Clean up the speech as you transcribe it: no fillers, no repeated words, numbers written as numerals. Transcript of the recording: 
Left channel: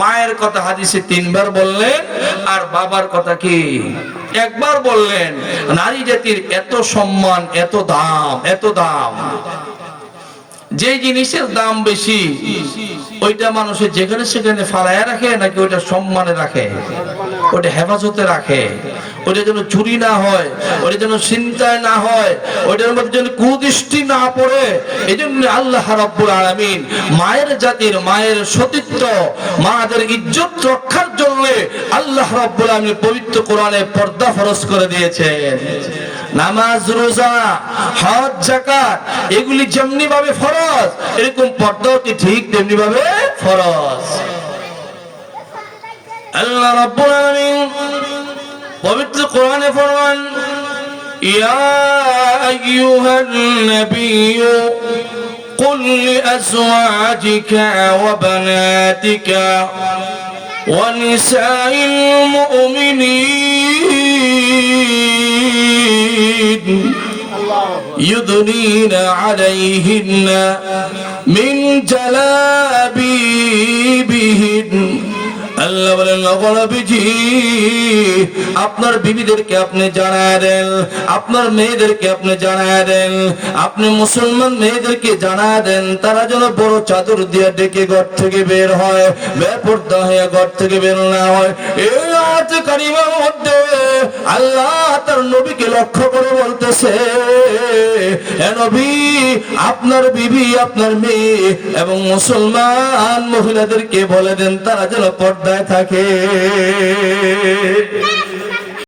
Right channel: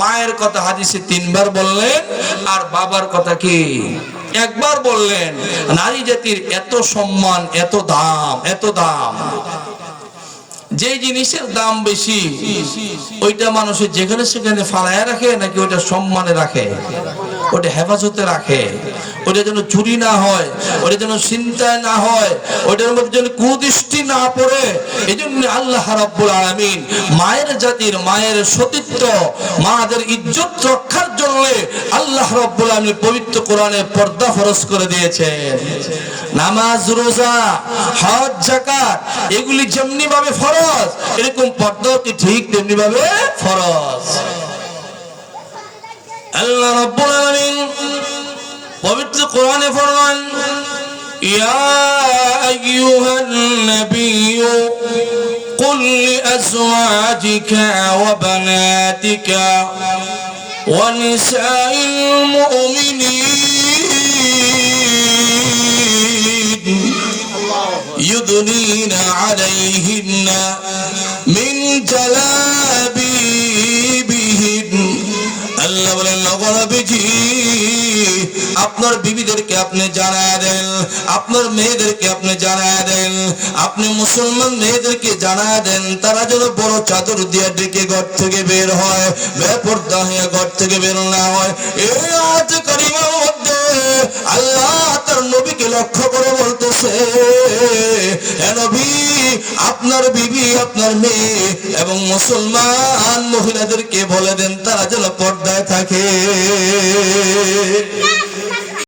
মায়ের কথা হাদিসে 3 বার বললেন আর বাবার কথা কি একবার বললেন। নারী জাতির এত সম্মান, এত দাম, যে জিনিসের দাম বেশি ওইটা মানুষের যেখানে সেখানে ফালায়া রাখে নাকি ওইটা সম্মানে রাখে, ওটা হেফাজতে রাখে, ওটা যেন চুরি না হয়, ওটা যেন চিন্তায় না হয়, ওটার মধ্যে যেন কুদৃষ্টি না পড়ে। এই জন্য আল্লাহ রাব্বুল আলামিন মায়ের জাতির, মায়ের সতীত্ব, মাদের ইজ্জত রক্ষার জন্য আল্লাহ রাব্বুল আলামিন পবিত্র কোরআনে পর্দা ফরজ করে দিয়েছেন। নামাজ, রোজা, হজ, যাকাত এগুলি যেমনি ভাবে ফরজ, এরকম পর্দাও কি ঠিক তেমনি ভাবে ফরজ। আল্লাহ রাব্বুল আলামিন পবিত্র কোরআনে ফরমান, ইয়া আইয়ুহান নাবিয়্যু কুল লিআজওয়াজিকা ওয়া বানাতিকা ওয়া নিসাইল মুমিনিন ইউদনিনা আলাইহিন্না মিন জালাবিবিহিন। আল্লাহ বলেন, নবী, আপনার বিবিদেরকে আপনি জানায় দেন, আপনার মেয়েদেরকে আপনি জানায় দেন, আপনি মুসলমান মেয়েদেরকে জানায় দেন, তারা যেন বড় চাদর দিয়ে ডেকে ঘর থেকে বের হয়, বেপরদা হয়ে ঘর থেকে বের না হয়। এই আয়াত কারিমার মধ্যে আল্লাহ তার নবীকে লক্ষ্য করে বলতেছে, হে নবী, আপনার বিবি, আপনার মেয়ে এবং মুসলমান মহিলাদেরকে বলে দেন তারা যেন পর্দায় থাকে।